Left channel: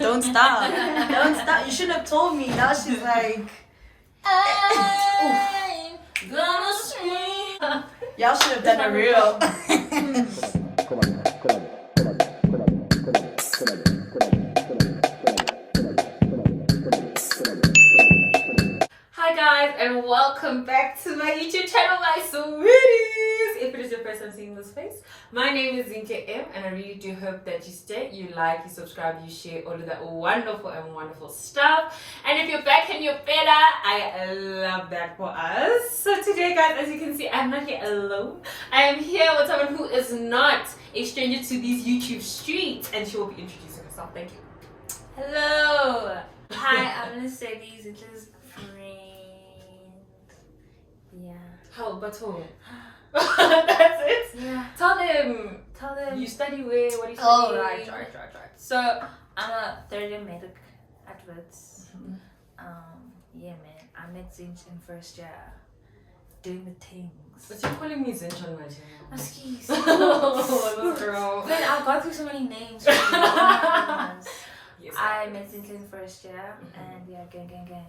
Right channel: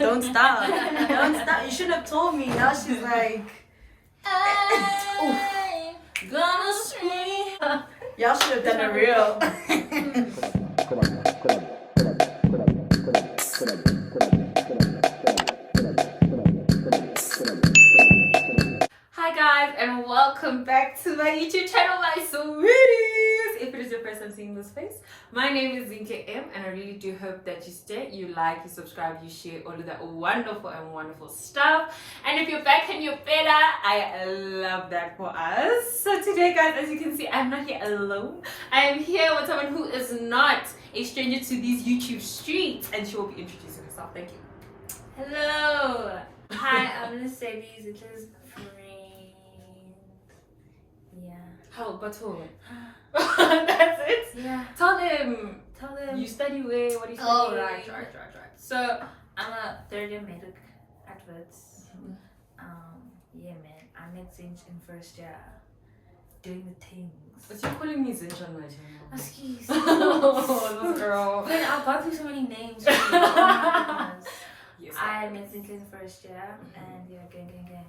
Don't stop. Don't stop. You shouldn't have told me. Now she's like, I'm gonna scream. y'all should have done a reel. Hi guys, and welcome back to my YouTube channel, my sweeties. If it is your first time seeing this face, my name is Zinhle, and I really do hope that you stay, you like, you subscribe, you share all of that wonderful stuff. And if you're back and you're better, I love that for us. So today, guys, as you can see, I'm not here alone. I am here with someone who is not a stranger to these YouTube streets, and she will be introducing herself. Thank you. Hello. Hi, I'm Lesedi, Zinhle's friend. Yeah. How but who? That's it? Yeah. Tell them. You study where? What do you study? Oh, right. So, I'm a third year medic at Wits. Yeah, man. I'm at Zinhle in first year. Doing the things. But you're calling me Zinhle on my channel. Excuse Oh, this girl. But I got through so many names. Oh, Yes, I met Zinhle in first year, and yeah, gang.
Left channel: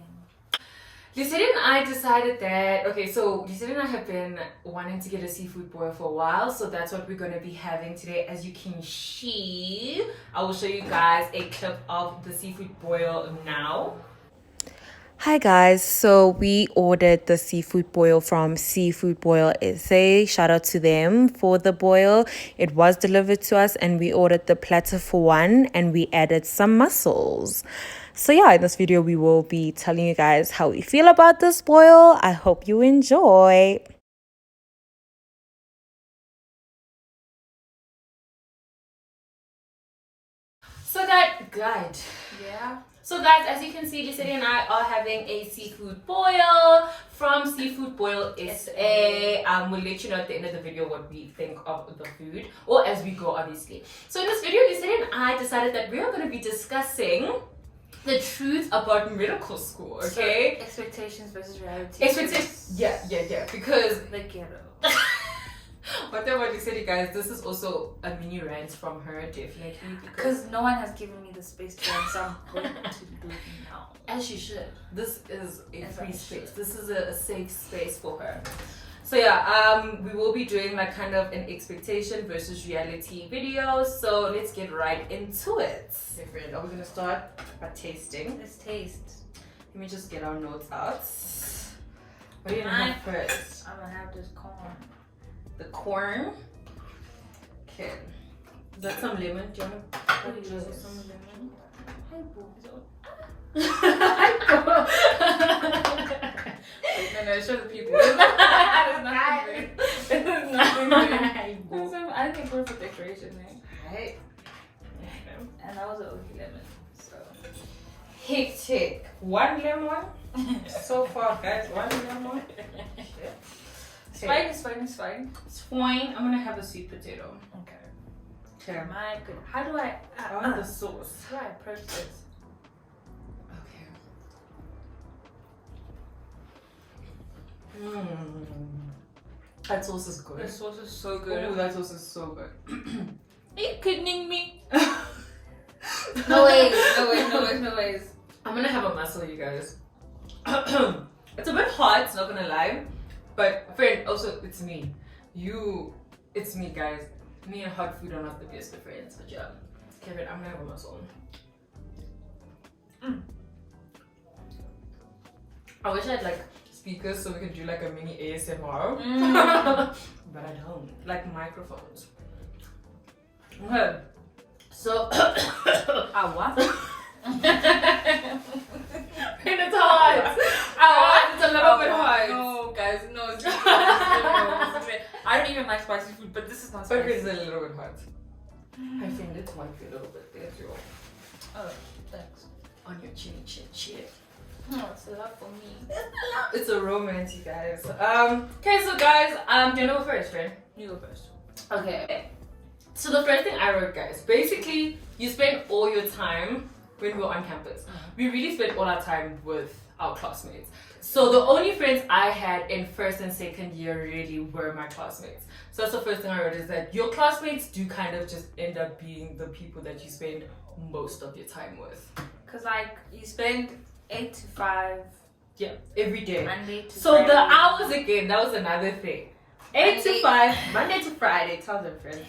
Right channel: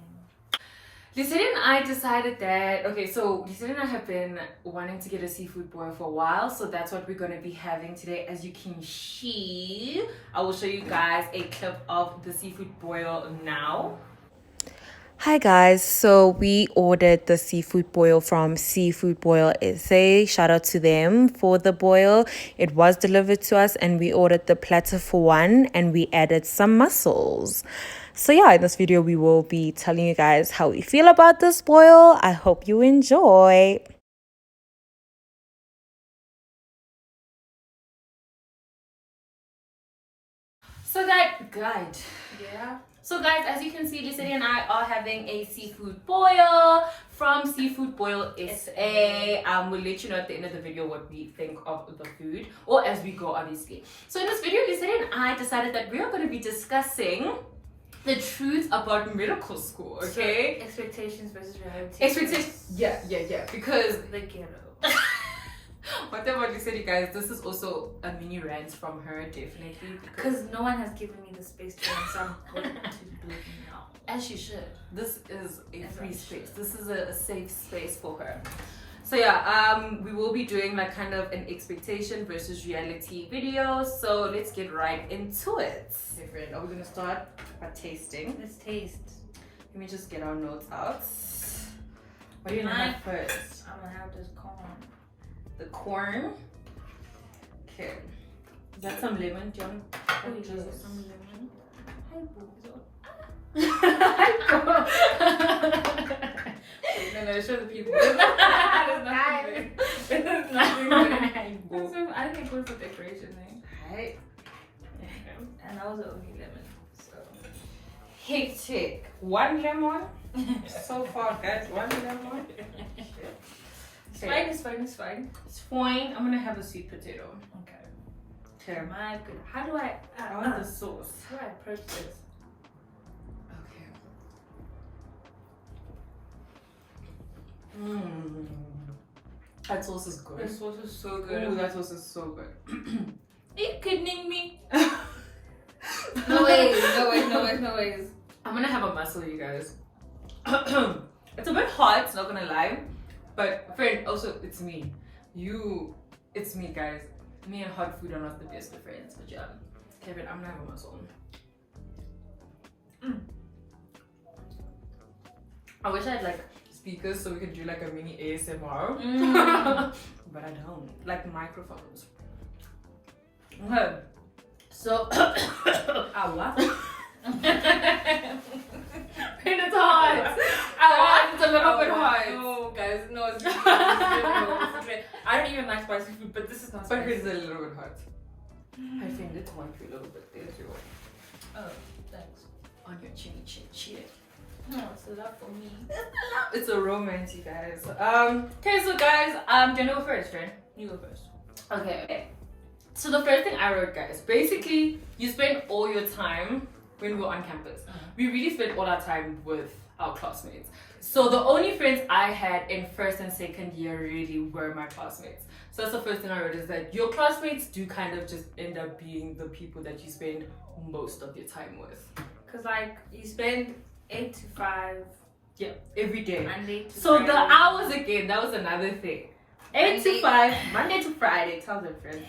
Lesedi and I decided that, okay, so Lesedi and I have been wanting to get a seafood boil for a while, so that's what we're going to be having today. As you can see, I will show you guys a clip of the seafood boil now. Hi guys, so we ordered the seafood boil from Seafood Boil SA. Shout out to them for the boil. It was delivered to us and we ordered the platter for one and we added some mussels. So yeah, in this video we will be telling you guys how we feel about this boil. I hope you enjoy. So guys, as you can see, Lesedi and I are having a seafood boil from Seafood Boil SA. We'll let you know at the end of the video what we think of the food, or as we go, obviously. So in this video, Lesedi and I decided that we are going to be discussing the truth about medical school, okay? So, expectations versus reality. Expectations, yeah, because The ghetto. whatever Lesedi, guys, this is also a mini rant from her, definitely. Because no one has given me the space to run, so I'm going to do it now. As she should. This is a free space. This is a safe space for her. So yeah, we will be doing like kind of an expectation versus reality video. So let's get right into it. Okay, friend, are we gonna start by tasting? Let's taste. Let me just get our notes out. What are you gonna have first? I'm gonna have this corn. The corn. Okay. Is that some lemon? Do you want to drizzle some lemon? Hi, boo. No, show the people. There's nothing there. I think we're for decoration, right? Right. And that was the only lemon. So. Hectic. One lemon. So far, guys, one lemon. It's fine. It's fine. I'm gonna have a sweet potato. Okay. My good. How do I want the sauce. How do I approach this? Okay. That sauce is good. The sauce is so good. Ooh, that sauce is so good. Are you kidding me? No ways. I'm gonna have a mussel, you guys. It's a bit hot, not gonna lie. But friend, also it's me. It's me, guys. Me and hot food are not the best of friends. But yeah, Kevin, I'm gonna have a mussel. I wish I had like speakers so we could do like a mini ASMR. But I don't. Like microphones. Okay. So What? it's hot. It's a little bit hot. No, guys, no. I don't even like spicy food, but this is not But spicy. it's a little bit hot. I think it might be a little bit there too. Oh, thanks. On your chin. No, it's a lot for me. It's a romance, you guys. Okay, so guys, do you know first, friend? You go first. Okay. So the first thing I wrote, guys, basically you spend all your time when we were on campus, we really spent all our time with our classmates. So the only friends I had in first and second year really were my classmates. So that's the first thing I read, is that your classmates do kind of just end up being the people that you spend most of your time with. Because like you spend 8 to 5. Yeah, every day. Monday to So Friday. the hours again, that was another thing. 8 to 5, Monday to Friday. Tell them, friends.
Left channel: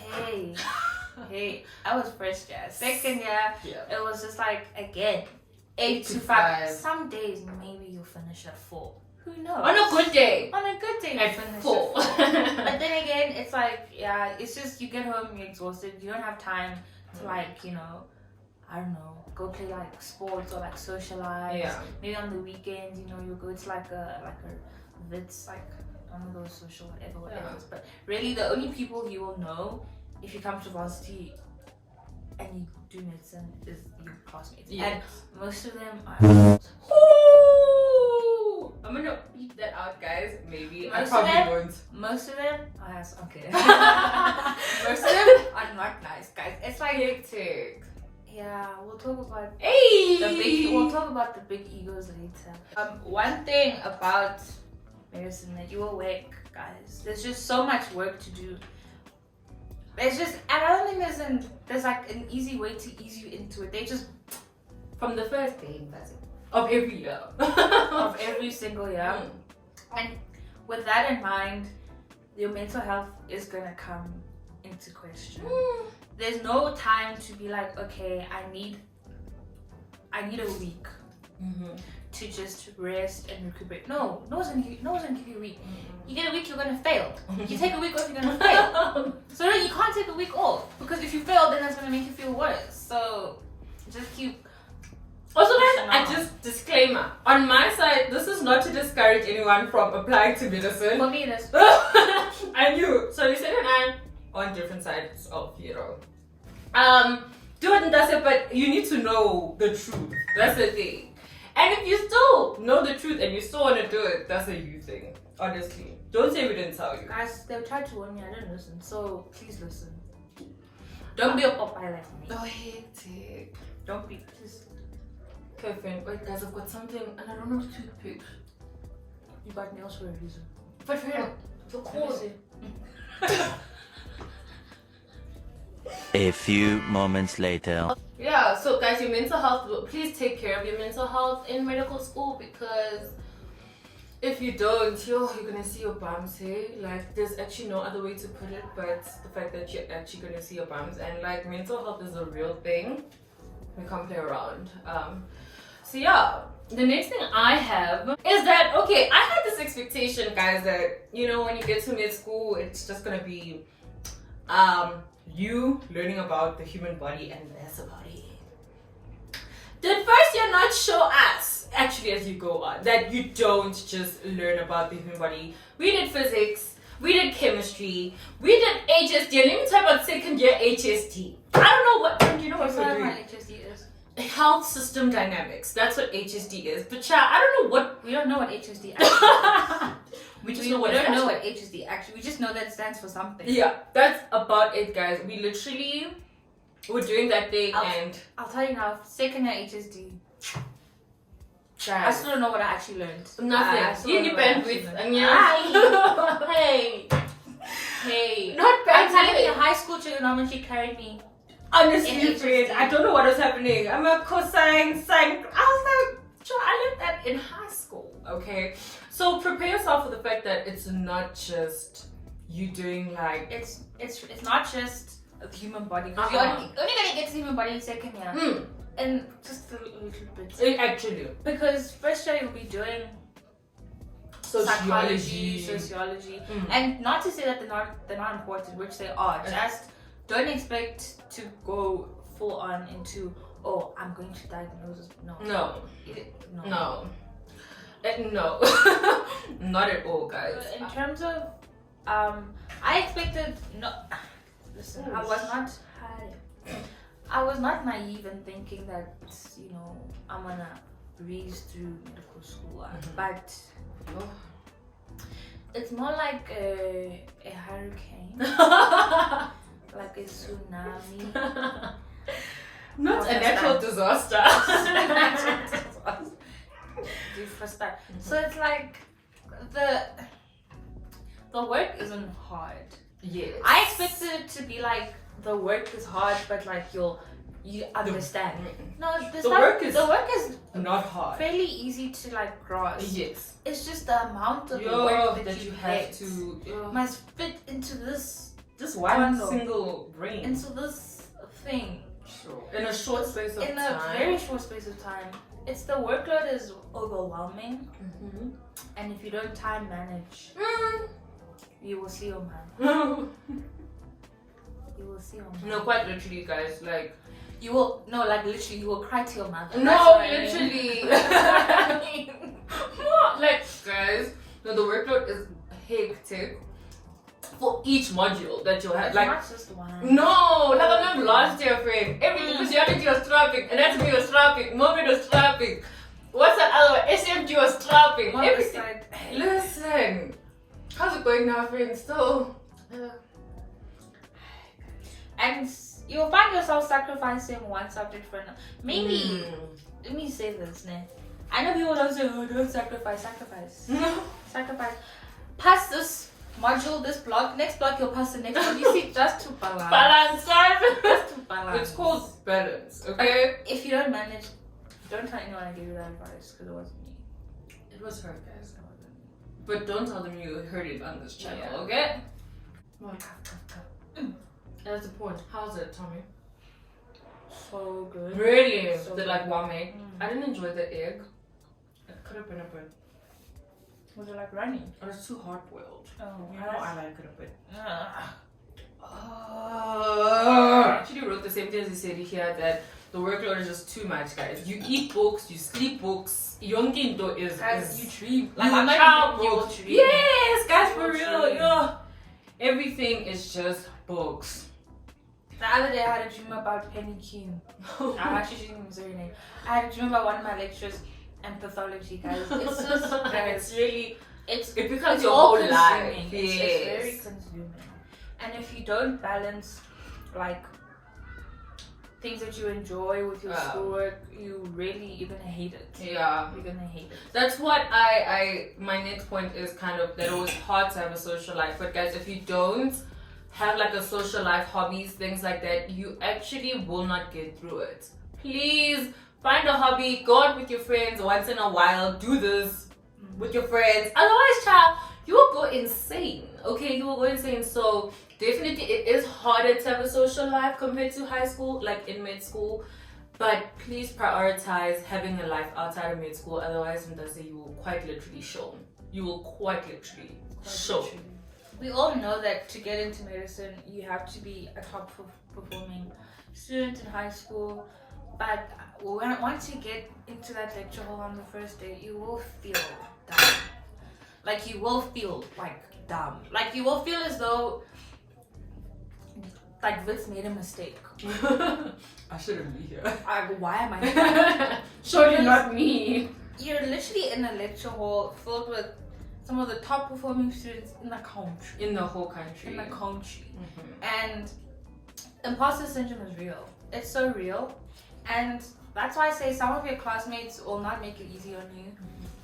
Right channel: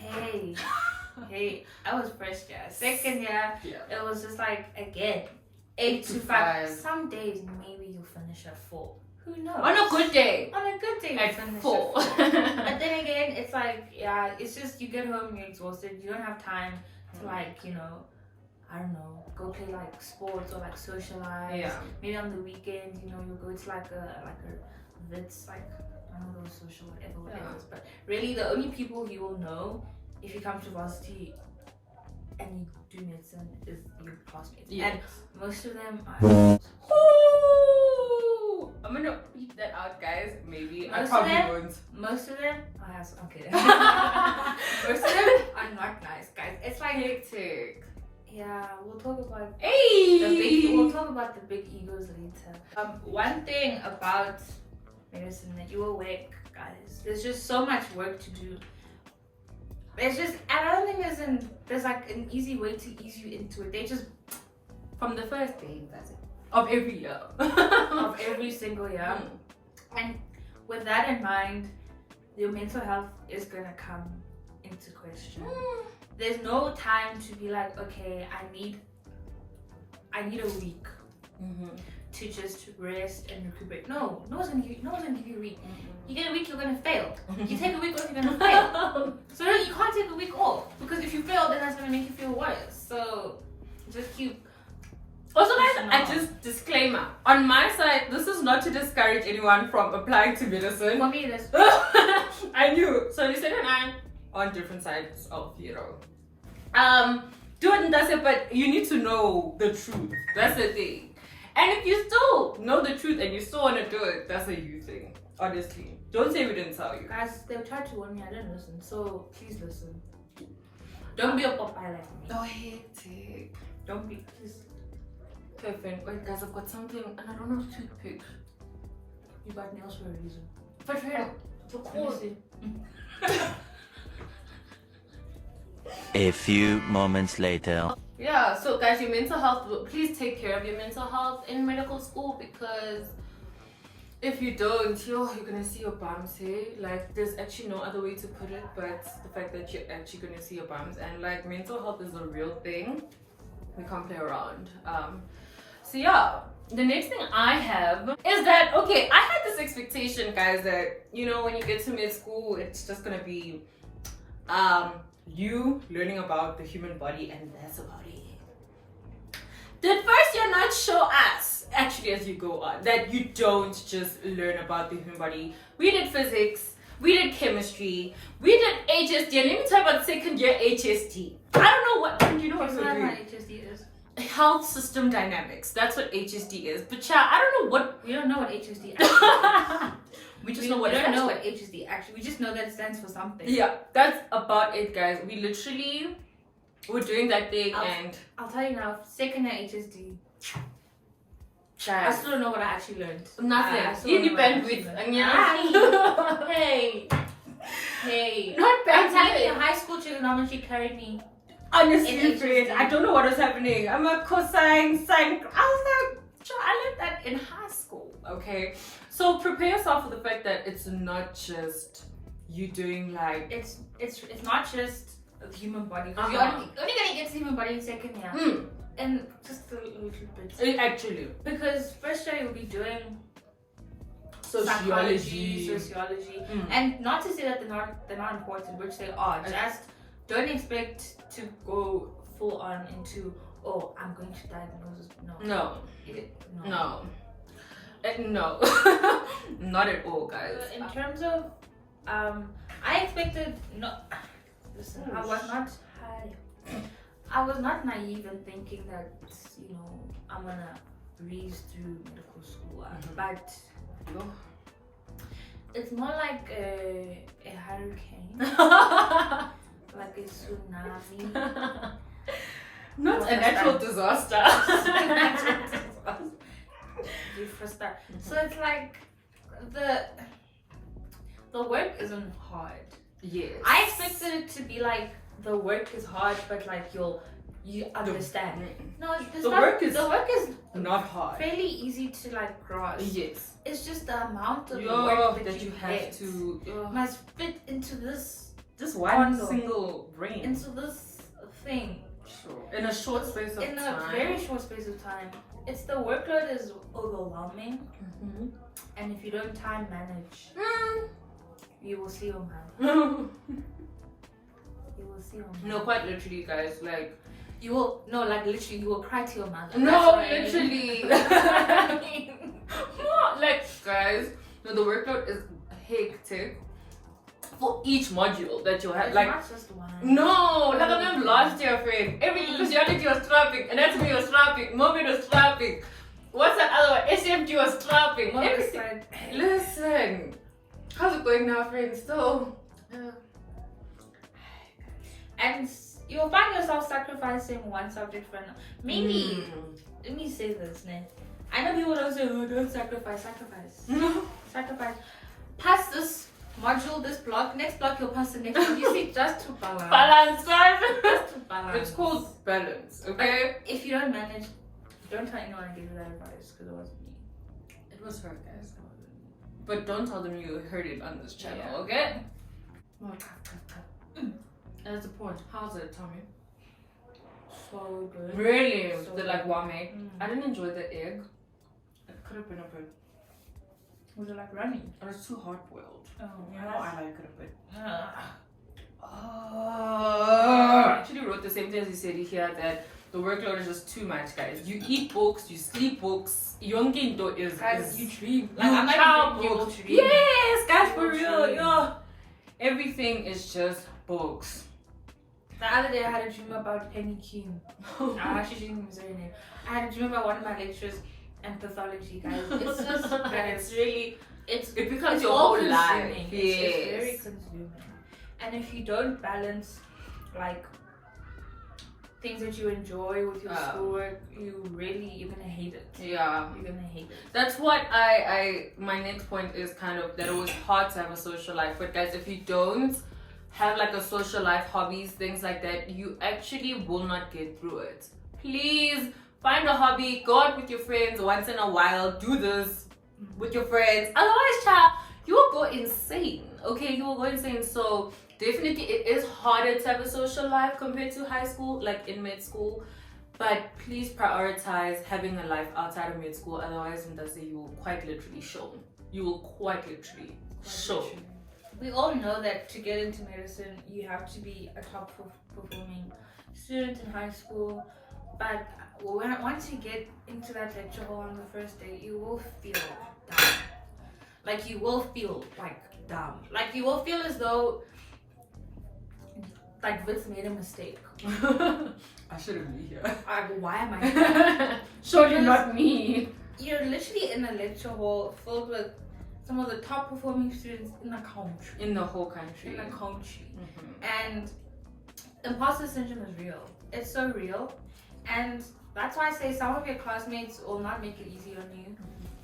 Hey, I was first year. Second year, Yeah. it was just like, again, 8 to 5. Some days, maybe you'll finish at 4. Who knows? On a good day. On a good day, you At finish 4. at 4. But then again, it's like, yeah, it's just you get home, you're exhausted. You don't have time to like, you know, I don't know, go play like sports or like socialize. Yeah. Maybe on the weekends, you know, you go to like a Wits, like one of those social whatever it is. But really, the only people you will know if you come to varsity and you do medicine is your classmates. Yes. And most of them are. Ooh, I'm gonna beat that out, guys. Maybe I Most probably of them- won't. Most of them, oh, yes, okay. Most of them are not nice, guys. It's like, Hectic. yeah, we'll talk about Hey. we'll talk about the big egos later. One thing about medicine that you will work, guys. There's just so much work to do. There's just, I don't think there's like an easy way to ease you into it. They just From the first day, that's it. Of every year. of every single year. Mm. And with that in mind, your mental health is gonna come into question. There's no time to be like, okay, I need a week to just rest and recuperate. No one's gonna give you a week. You get a week, you're gonna fail. You take a week off, you're gonna fail. So no, you can't take a week off, because if you fail, then that's gonna make you feel worse. So just keep. Also, guys, I just disclaimer on my side. This is not to discourage anyone from applying to medicine. For me, that's I knew. So Lesedi and I on different sides of do it and that's it. But you need to know the truth. That's the thing. And if you still know the truth and you still want to do it, that's a you thing. Honestly, don't say we didn't tell you. guys. They'll try to warn me. I don't listen. So please listen. Don't be a Popeye like me. Oh, hectic. Don't be. Please. Perfect. Wait, guys, I've got something and I don't know toothpick. You got nails for a reason. But here, the cord. A few moments later. Yeah, so guys, your mental health, please take care of your mental health in medical school, because if you don't, you're gonna see your bums, hey? Like, there's actually no other way to put it, but the fact that you're actually gonna see your bums, and like, mental health is a real thing. We can't play around. So yeah, the next thing I have is that, okay, I had this expectation, guys, that, you know, when you get to med school, it's just gonna be you learning about the human body, and that's about it. Did first year not show us, actually, as you go on, that you don't just learn about the human body? We did physics, we did chemistry, we did HSD, and let me talk about second year HSD. I don't know what, do you know what That's we're not doing? what HSD is. Health system dynamics. That's what HSD is. But child, I don't know what. We don't know what HSD actually is. We just know what we it don't know stands what HSD actually. We just know that it stands for something. for. Yeah, that's about it, guys. We literally were doing that thing, and I'll tell you now. Second year HSD. I guys, still don't know what I actually learned. I nothing. still You don't need know what I actually bandwidth, learned. and yeah. Hey. Not I'm telling you, bandwidth. high school trigonometry carried me. Honestly, In friend, HSD. I don't know what was happening. I'm a cosine, sine. I was like, sure, I learned that in high school. Okay, so prepare yourself for the fact that it's not just you doing like. It's not just the human body. Uh-huh. You're only gonna get to the human body in second year. And just a little bit. Actually, Because first year you'll be doing sociology. sociology. And not to say that they're not important, which they are. Just don't expect to go full on into, oh, I'm going to diagnose. No. No. No. Not at all, guys. In terms of, I expected listen, Oh, I was not naive in thinking that, you know, I'm gonna breeze through medical school, but it's more like a hurricane, like a tsunami. Not a natural disaster. So it's like the work isn't hard. Yes. I expected it to be like the work is hard, but like you understand. No, the work is not hard. fairly easy to like grasp. Yes. It's just the amount of work that you have get to must fit into this just one single brain. into this thing. Sure. In a short space of time. In a very short space of time. It's the workload is overwhelming, and if you don't time manage, you will see your man. You will see your man. No, quite literally, guys. Like you will literally you will cry to your mother. No, literally. Like guys, no, the workload is hectic for each module that you have. It's like not just one. No, like I remember last year, friend. Everything physiology was strapping, anatomy was strapping, movement was strapping. What's that other one? SMG was strapping. Everything. Listen, how's it going now, friend? Still. And you'll find yourself sacrificing one subject for another. Maybe. Let me say this, ne? I know people don't say, oh, don't sacrifice. Sacrifice. Pass this module, this block, next block you'll pass the next one. You see, just to balance. Balance, guys. Just to balance. It's called balance, okay? But if you don't manage, don't tell anyone I gave you that advice because it wasn't me. It was her, guys. But don't tell them you heard it on this channel, okay? Oh, tough. That's the point. How's it, Tommy? So good. Really? So the like warm egg? Mm. I didn't enjoy the egg. It could have been a bit. Was it like runny? It was too hard boiled. Oh, You know, I like it a bit. Ah. I actually wrote the same thing as you said here that the workload is just too much, guys. You eat books, you sleep books. Yongindo is You dream. Like, I'm not books. dream. Yes, guys, for You real. dream. Yeah. Everything is just books. The other day I had a dream about Penny King. I'm actually dreaming his name. I had a dream about one of my lectures and pathology, guys. It's just It's really, it becomes it's your all whole life. consuming. Yes. It's very consuming. And if you don't balance like things that you enjoy with your schoolwork, you're gonna hate it. Yeah. You're gonna hate it. That's what my next point is kind of that it was hard to have a social life. But guys, if you don't have like a social life, hobbies, things like that, you actually will not get through it. Please find a hobby, go out with your friends once in a while, do this with your friends. Otherwise, child, you will go insane. Okay, you will go insane. So definitely it is harder to have a social life compared to high school, like in mid school. But please prioritize having a life outside of mid school. Otherwise, you will quite literally show. You will quite literally show. We all know that to get into medicine, you have to be a top performing student in high school. But once you get into that lecture hall on the first day, you will feel dumb. Like you will feel like dumb. Like you will feel as though like Wits made a mistake. I shouldn't be here. Why am I here? Surely not me. You're literally in a lecture hall filled with some of the top performing students in the country. In the whole country. In the country. And imposter syndrome is real. It's so real. And that's why I say some of your classmates will not make it easy on you.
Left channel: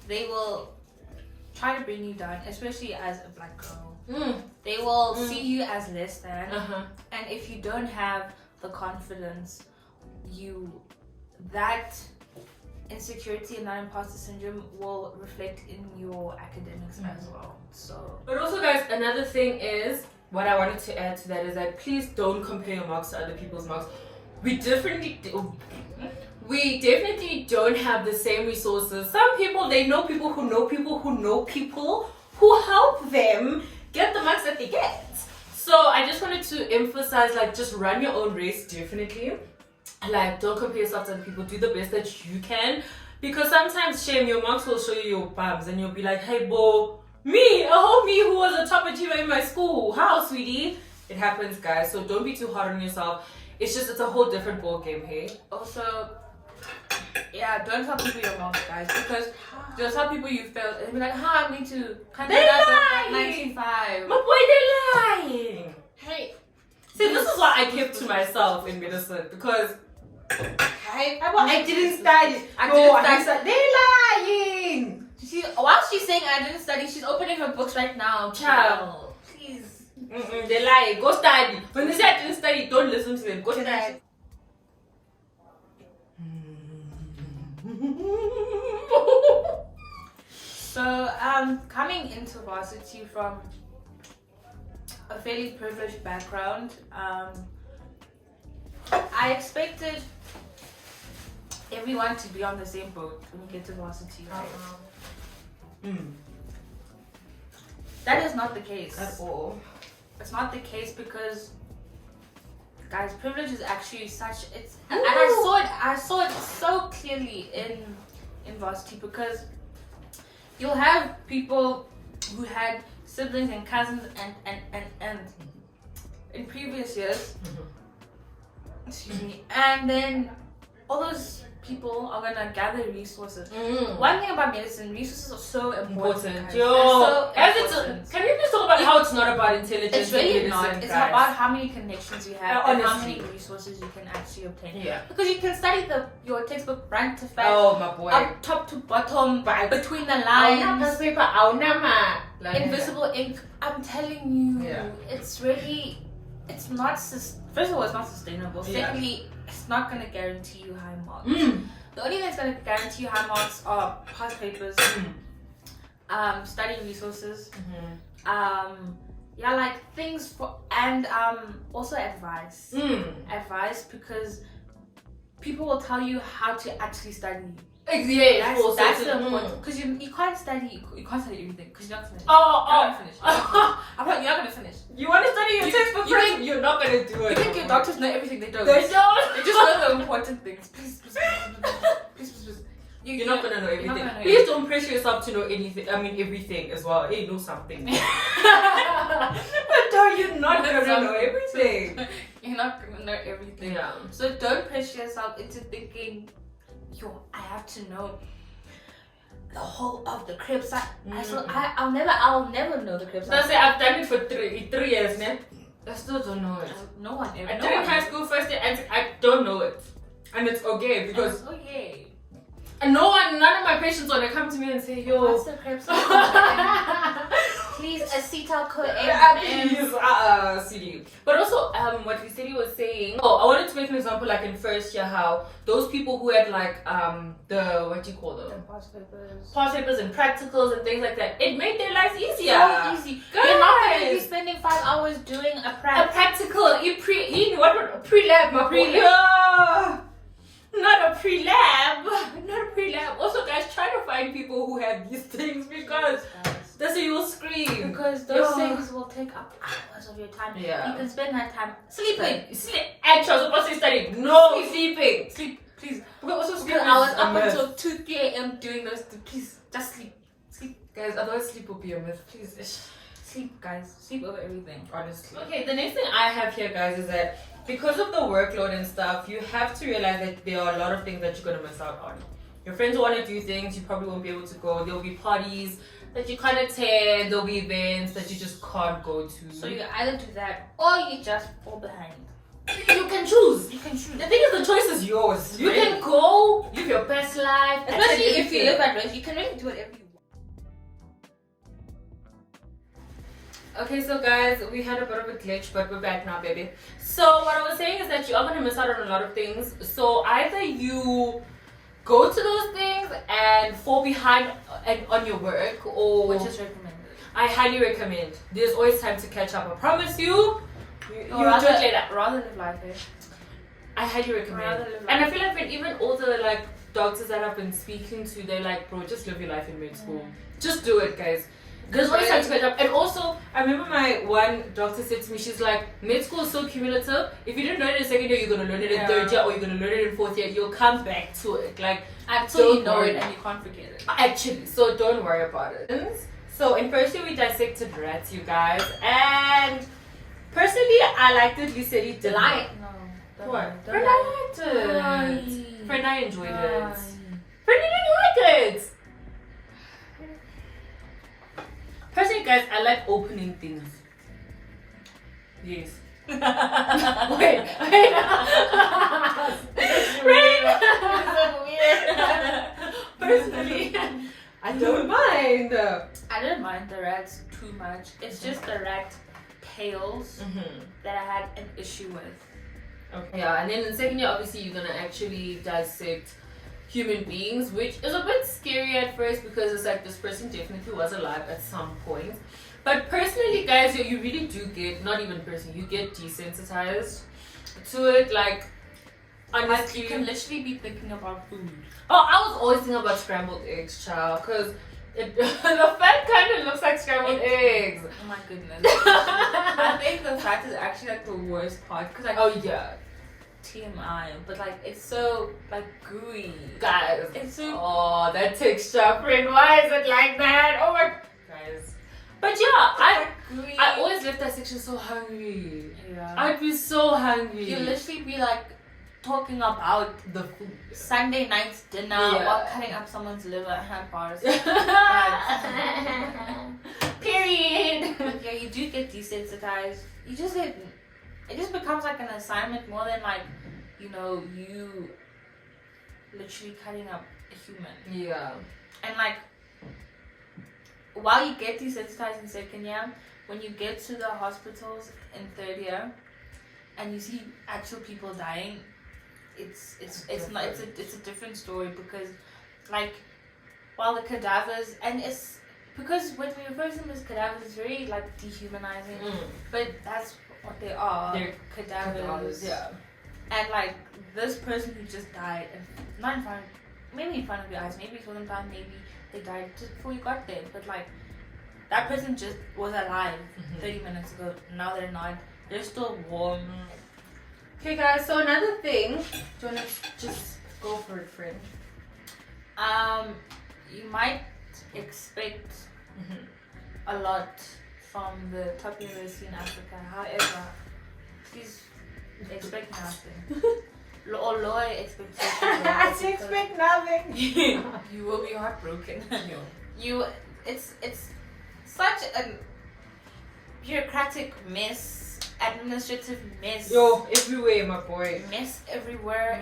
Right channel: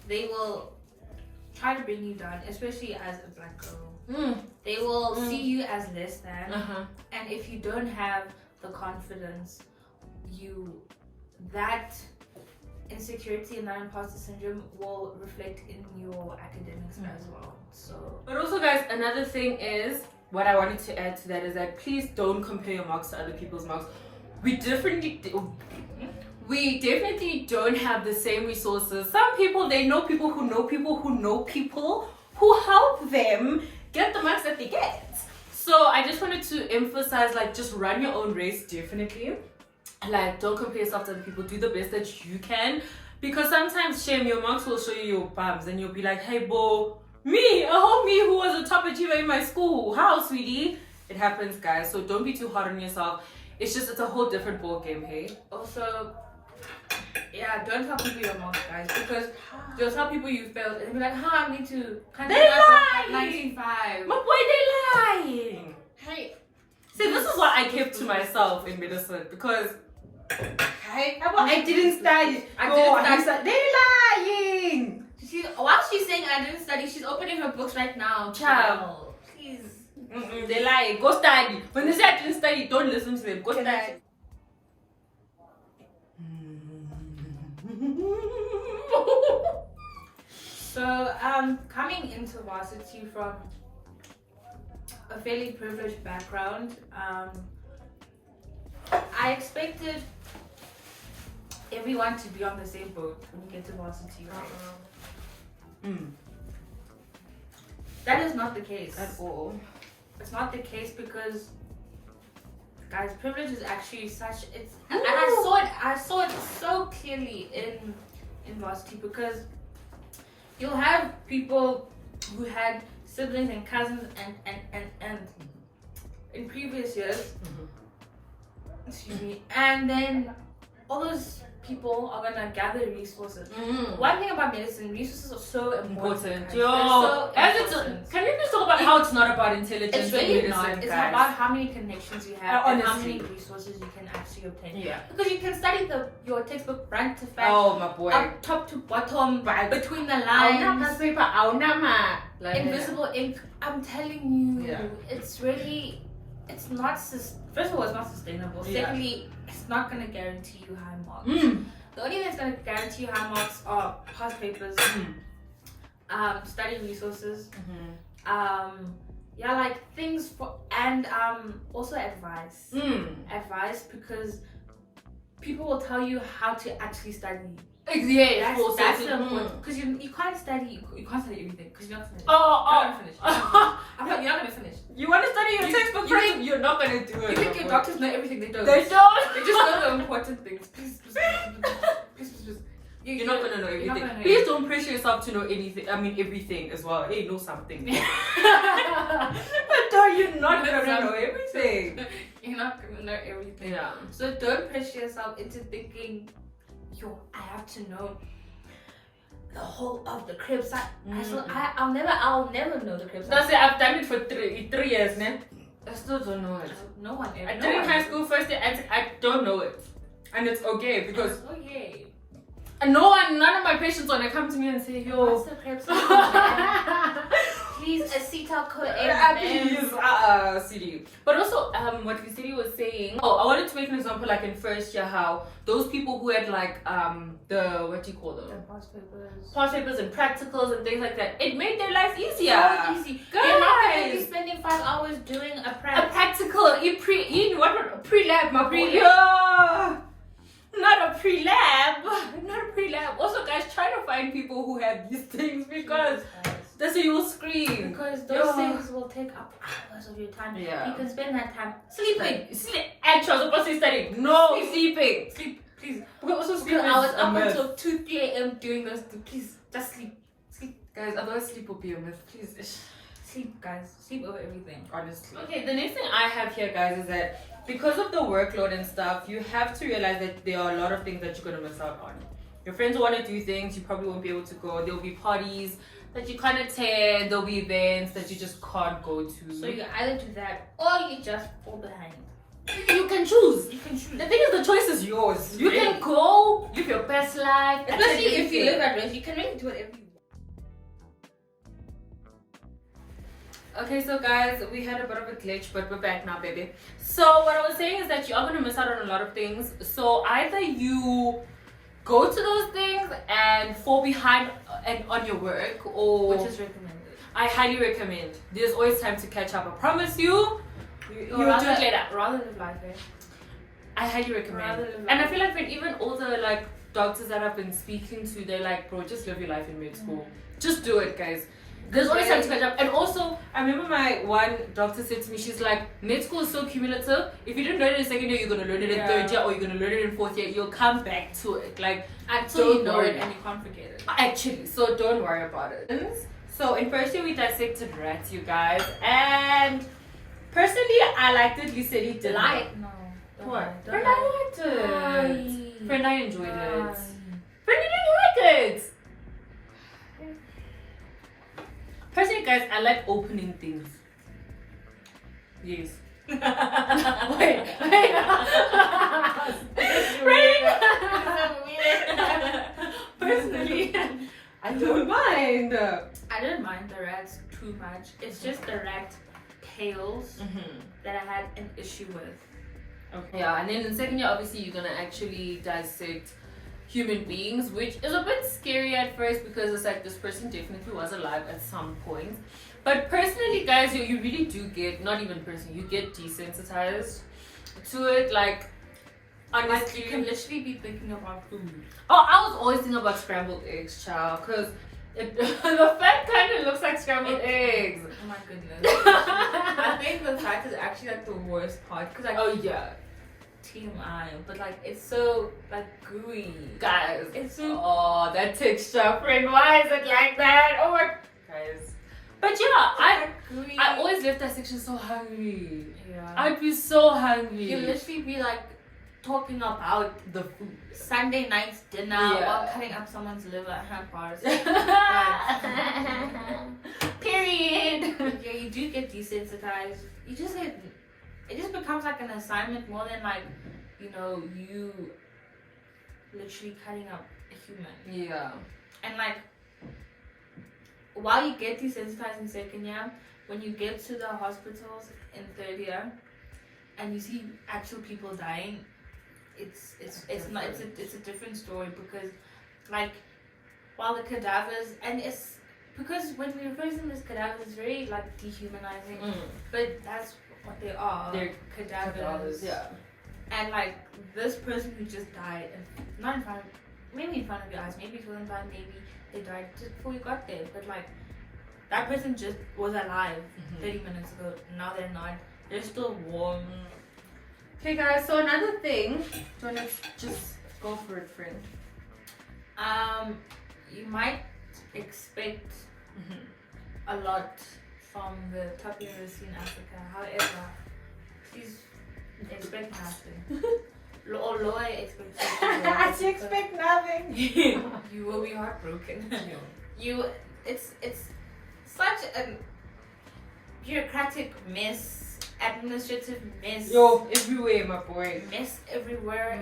They will try to bring you down, especially as a black girl. They will see you as less than. And if you don't have the confidence, that insecurity and that imposter syndrome will reflect in your academics as well. So, but also, guys, another thing is what I wanted to add to that is that please don't compare your marks to other people's marks. We definitely don't have the same resources. Some people, they know people who know people who know people who help them get the marks that they get. So I just wanted to emphasize, like, just run your own race, definitely. Like, don't compare yourself to other people. Do the best that you can. Because sometimes, shame, your marks will show you your bumps and you'll be like, hey, bo, me, a homie who was a top achiever in my school. How, sweetie? It happens, guys. So don't be too hard on yourself. It's a whole different ball game, hey? Also, yeah, don't tell people your marks, guys. Because you'll tell people you failed and they'll be like, me too. They lying! 95. My boy, they lying! Hey. See, this is what I kept to myself in medicine because I didn't study. I didn't study. They're lying. While she's saying I didn't study, she's opening her books right now. Child. Please. They lie. Go study. When they say I didn't study, don't listen to them. Go study. So, coming into varsity from a fairly privileged background, I expected everyone to be on the same boat when you get to varsity. That is not the case At all. It's not the case because, guys, privilege is actually such. And I saw it so clearly in varsity because you'll have people who had siblings and cousins and in previous years. Excuse me. And then all those people are gonna gather resources. One thing about medicine, resources are so important. Yo, So can we just talk about how it's not about intelligence? It's really in medicine, not. It's guys? about how many connections you have and how Honestly. many resources you can actually obtain. Yeah. Because you can study your textbook front to back, Oh my boy. up top to bottom, between the Auna lines, paper, auna ma. Like, invisible ink. I'm telling you, Yeah. it's really, it's not. First of all, it's not sustainable. Yeah. Secondly, it's not gonna guarantee you high marks. The only thing that's gonna guarantee you high marks are past papers, study resources, yeah, like things for, and also advice. Advice, because people will tell you how to actually study. Yeah, That's the important, because you can't study everything because you're not finish. I'm not. You're not gonna finish. You want to study your textbook you first? You're not gonna do it. You think your doctors know everything? They don't. They don't. They just know the important things. Please. You're not gonna know everything. You're not gonna know Please don't pressure yourself to know anything. I mean, everything as well. Hey, know something. But no, you're not gonna know everything. You're not gonna know everything. Yeah. So don't pressure yourself into thinking, yo, I have to know the whole of the cribs. I'll never know the cribs. That's it. I've done it for three years, man. I still don't know it. No one ever. I did in high school first year, and I don't know it, and it's okay because okay. and none of my patients wanna come to me and say, yo. What's the cribs? Please, acetyl-CoA. Please, CD. But also, what Lesedi was saying. Oh, I wanted to make an example, like in first year, how those people who had like the what do you call them? Past papers and practicals and things like that. It made their lives easier. So easy. Guys. You're not going to be spending 5 hours doing a practical. Pre-lab, my boy. Yeah. Not a pre-lab. Also, guys, try to find people who have these things because that's why you will scream. Because those things will take up hours of your time. Yeah. You can spend that time sleeping. Actually, I was supposed to be studying. No, sleeping. Sleep, please. Because also sleeping I was is up a myth. until 2, 3 a.m. doing those. Please, just sleep. Guys, otherwise sleep will be a myth. Please. Sleep, guys. Sleep over everything. Honestly. Okay, the next thing I have here, guys, is that because of the workload and stuff, you have to realize that there are a lot of things that you're going to miss out on. Your friends will want to do things, you probably won't be able to go. There'll be parties that you can't attend. There'll be events that you just can't go to. So you either do that or you just fall behind. You can choose. You can choose. The thing is, the choice is yours. You can go, live your best life. Especially if you live at rest, you can really do whatever you want. Okay, so guys, we had a bit of a glitch, but we're back now, baby. So what I was saying is that you are going to miss out on a lot of things. So either you go to those things and fall behind on your work, or Which is recommended. I highly recommend. There's always time to catch up. I promise you. You'll do it later. Rather than life, eh? I highly recommend. And I feel like when even all the like doctors that I've been speaking to, they're like, bro, just live your life in med school. Just do it, guys. There's always time to catch up. And also, I remember my one doctor said to me, she's like, med school is so cumulative. If you didn't learn it in second year, you're going to learn it in third year, or you're going to learn it in fourth year. You'll come back to it. Like, until you know it and you can't forget it. Actually, so don't worry about it. So in first year, we dissected rats, you guys. And personally, I liked it. Lesedi didn't. No. What? Friend, I liked it. Friend, I enjoyed it. Friend, you didn't like it. Personally, guys, I like opening things. Yes. Wait. Personally, I don't mind. I don't mind the rats too much. It's just the rat tails that I had an issue with. Okay. Yeah, and then in second year, obviously, you're gonna actually dissect human beings, which is a bit scary at first because it's like this person definitely was alive at some point. But personally, guys, you really do get, not even personally, you get desensitized to it. Like, honestly, You can literally be thinking about food. oh, I was always thinking about scrambled eggs, child, because the fat kind of looks like scrambled eggs. Oh my goodness. I think the fat is actually like the worst part because like Oh yeah, TMI, but like it's so like gooey. guys. It's so Oh, that texture, friend. Why is it like that? Oh my, guys. But yeah, gooey. I always left that section so hungry. Yeah. I'd be so hungry. You literally be like talking about the food. Sunday night's dinner Yeah. or cutting up someone's liver at bars. Period. Yeah, you do get desensitized. You just get, it just becomes like an assignment more than like, you know, you literally cutting up a human. Yeah. And like, while you get desensitized in second year, when you get to the hospitals in third year, and you see actual people dying, it's a different story because, like, while the cadavers, and it's because when we refer to them as cadavers, it's very like dehumanizing, but that's what they are. They're cadavers. Yeah. And like this person who just died, and not in front, maybe in front of your eyes, maybe it wasn't died, maybe they died just before you got there, but like that person just was alive 30 minutes ago. Now they're not. They're still warm. Okay, guys. So another thing. Do you wanna just go for it, friend? You might expect a lot from the top university in Africa. However, please expect nothing. Or lower expectations. expect nothing. You will be heartbroken. It's such a bureaucratic mess, administrative mess. Yo, everywhere, my boy. Mess everywhere.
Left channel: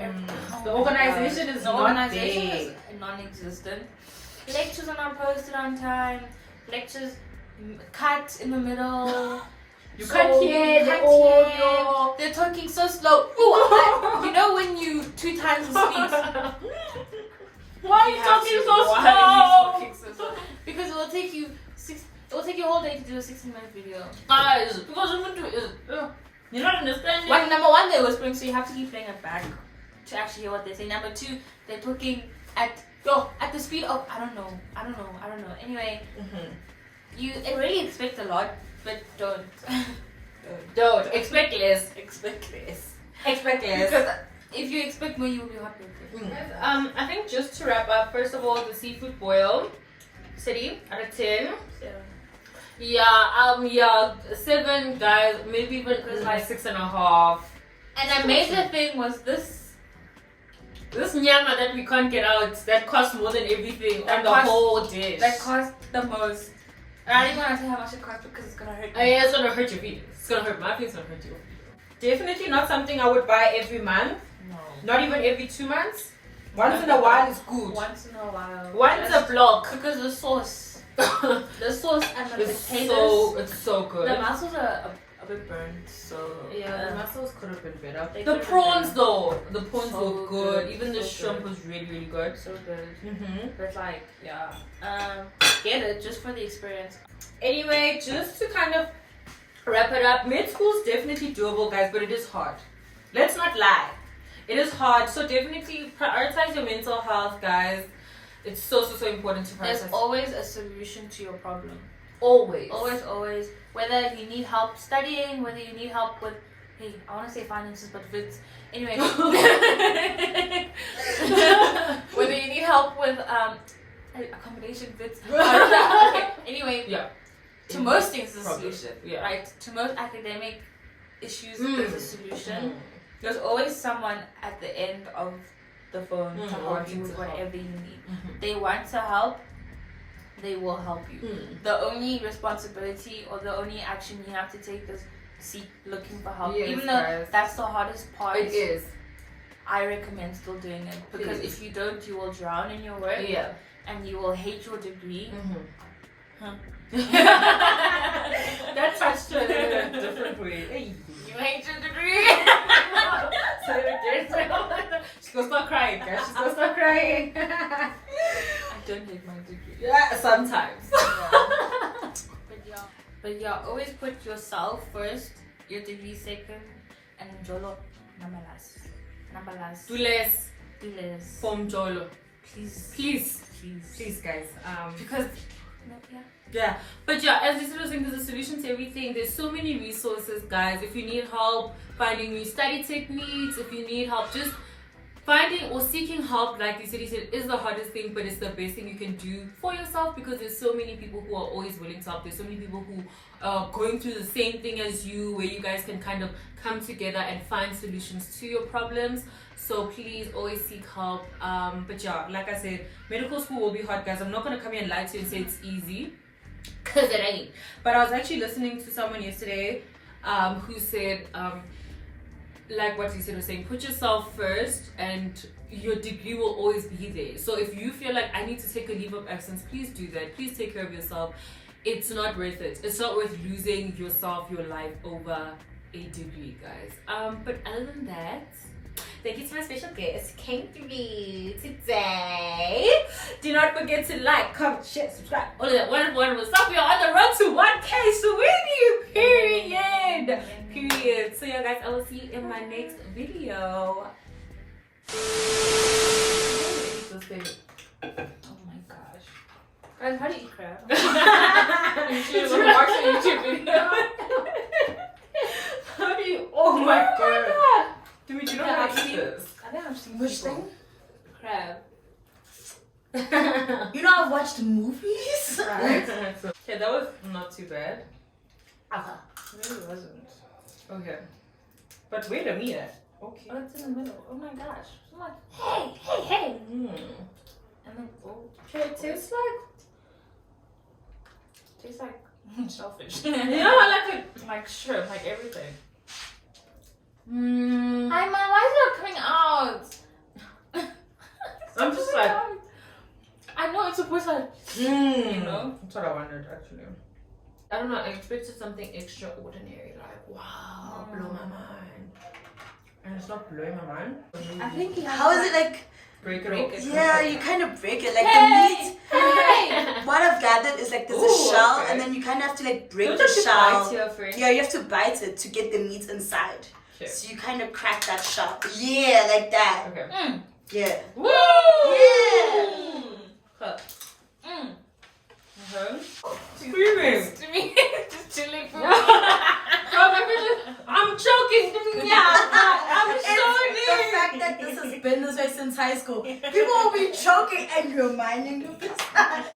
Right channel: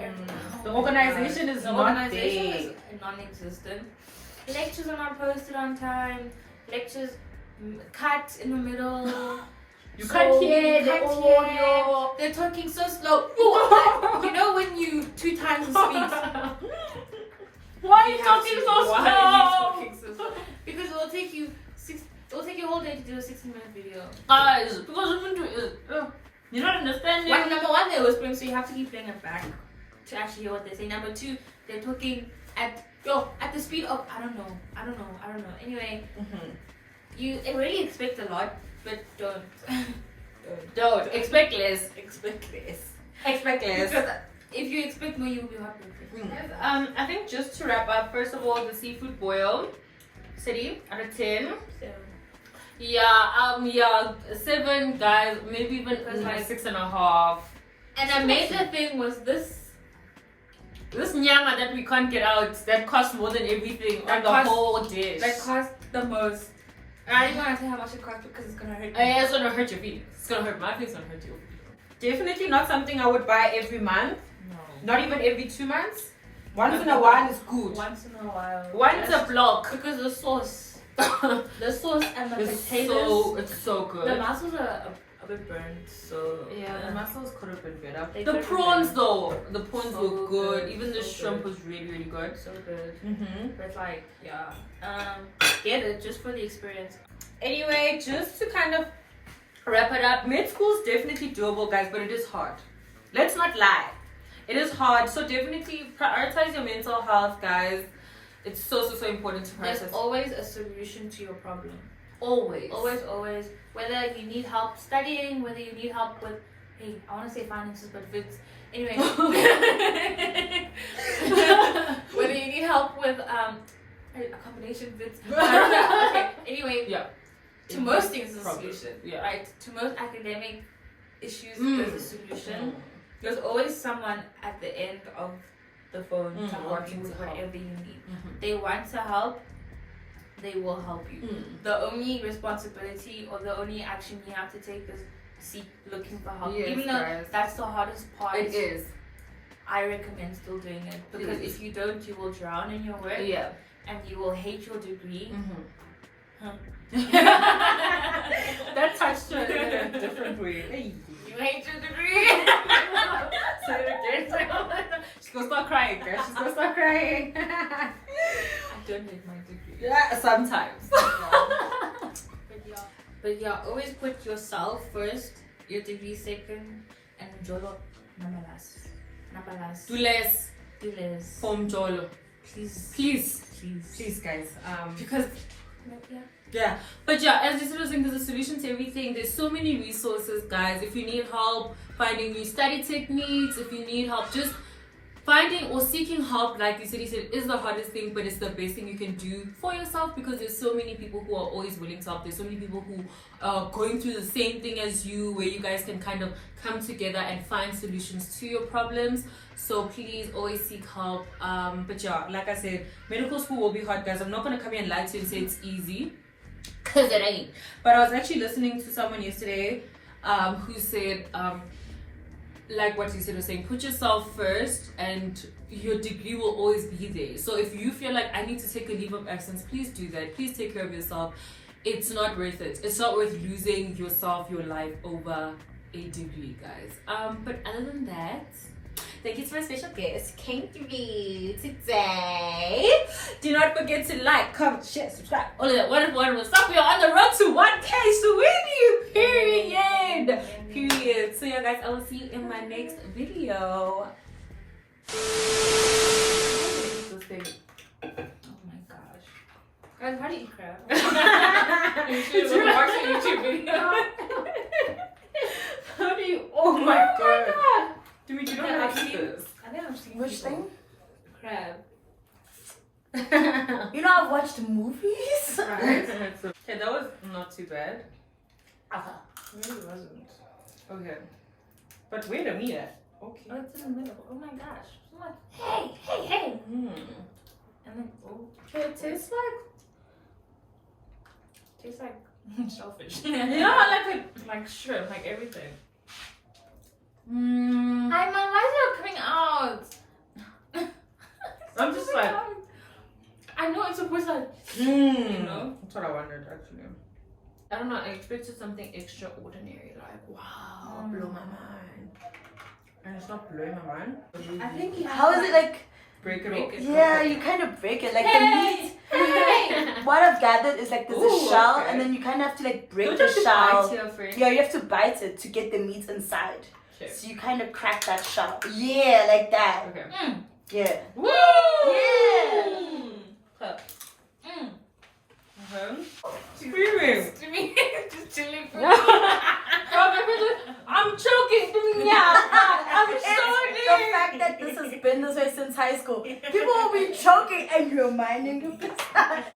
The organization is not there. Is non-existent. Lectures are not posted on time. Lectures cut in the middle. You can't hear the audio. They're talking so slow. Ooh, you know when you 2 times the speed. Why are you talking so slow? Because it will take you a whole day to do a 16-minute video. Guys, because you're not understanding. Number one, they're whispering, so you have to keep playing it back to actually hear what they say. Number two, they're talking at the speed of I don't know. Anyway, you already expect a lot, but Don't expect less. expect less. Expect less. Because if you expect more, you will be heartbroken. I think just to wrap up, first of all, the seafood boil, city out of 10. Yeah, 7, guys, maybe even like 6.5. And the major thing was this nyama that we can't get out, that costs more than everything on the whole dish. that cost the most. And I don't even want to say how much it cost because it's gonna hurt you. Yeah, it's gonna hurt your feelings. It's gonna hurt my feelings, it's gonna hurt your feelings. Definitely not something I would buy every month. No. Not even every 2 months. Once in a while is good. Once in a while. Once a block. Because the sauce and the It's potatoes. so good. The mussels are a bit burnt, so Yeah, the mussels could have been better. They The could have prawns been though, the prawns So were good. good, Even the so shrimp good. was really, really good. so good. But like, yeah, get it just for the experience. Anyway, just to kind of wrap it up, med school is definitely doable, guys, but it is hard. Let's not lie. It is hard, so definitely prioritize your mental health, guys. It's so important to There's prioritize. always a solution to your problem. Always. Always. Whether you need help studying, whether you need help with, hey, I want to say finances, but it's anyway. Whether you need help with accommodation, bits. Okay. Anyway. Yeah. To most things, there's a Problem. solution. Yeah. Right. To most academic issues, there's a solution. There's always someone at the end of the phone to help you wanting with to help. whatever you need. They want to help. They will help you. The only responsibility or the only action you have to take is looking for help. Yes, Even though guys. that's the hardest part. It is. I recommend still doing it because Please. if you don't, you will drown in your work Yeah. and you will hate your degree. That touched her in a different way. You hate your degree. Say it again. She's gonna start crying, guys. She's gonna start crying. I don't hate my degree. Yeah, sometimes. But yeah, always put yourself first, your degree second, and Jolo number last. Do less Do less. from Jolo. Please. Please, guys. Because Yeah. yeah, but yeah, as you was saying, there's a solution to everything. There's so many resources, guys. If you need help finding new study techniques, if you need help just finding or seeking help, like you said, is the hardest thing, but it's the best thing you can do for yourself, because there's so many people who are always willing to help. There's so many people who are going through the same thing as you, where you guys can kind of come together and find solutions to your problems. So please always seek help. But yeah, like I said, medical school will be hard, guys. I'm not going to come here and lie to you and say it's easy, because it ain't. But I was actually listening to someone yesterday who said, like what you said was saying, put yourself first and your degree will always be there. So if you feel like I need to take a leave of absence, please do that. Please take care of yourself. It's not worth it. It's not worth losing yourself, your life over a degree, guys. But other than that, thank you to my special guest came through today. Do not forget to like, comment, share, subscribe. All of that wonderful stuff. We are on the road to 1K, sweetie. Period. So yeah, guys, I will see you in my next video. Oh my gosh. Guys, how do you eat crab? You should have watched a YouTube video. How do you? Oh my god. Do you know how to eat this? I think I've seen Which people. Crab. You know, I've watched movies. Okay, that was not too bad. It really wasn't. Okay. But wait a minute. Okay. Oh, it's in the middle. Oh my gosh. I'm like, hey. Mm. And then, oh. Okay, it tastes like Shellfish. yeah, like shrimp, like everything. mm. Hi, my lights are coming out. I'm just like I know it's supposed to like, you know? That's what I wondered actually. I don't know, I expected something extraordinary, like wow, blow my mind. And it's not blowing my mind. I think How is it like? Break it Break off. it. Yeah, you kind of break it. Like Hey! the meat. What I've gathered is like there's Ooh, a shell, okay. and then you kind of have to like break Don't the you have to shell. bite here, friend? Yeah, you have to bite it to get the meat inside. Okay. So you kind of crack that shell. Yeah, like that. Okay. Yeah. Woo! Yeah. Huh. Mm. Screaming. To me, just chilling for me. I'm choking. Yeah, I'm It's the fact that this has been this way since high school. People will be choking and you're minding your business.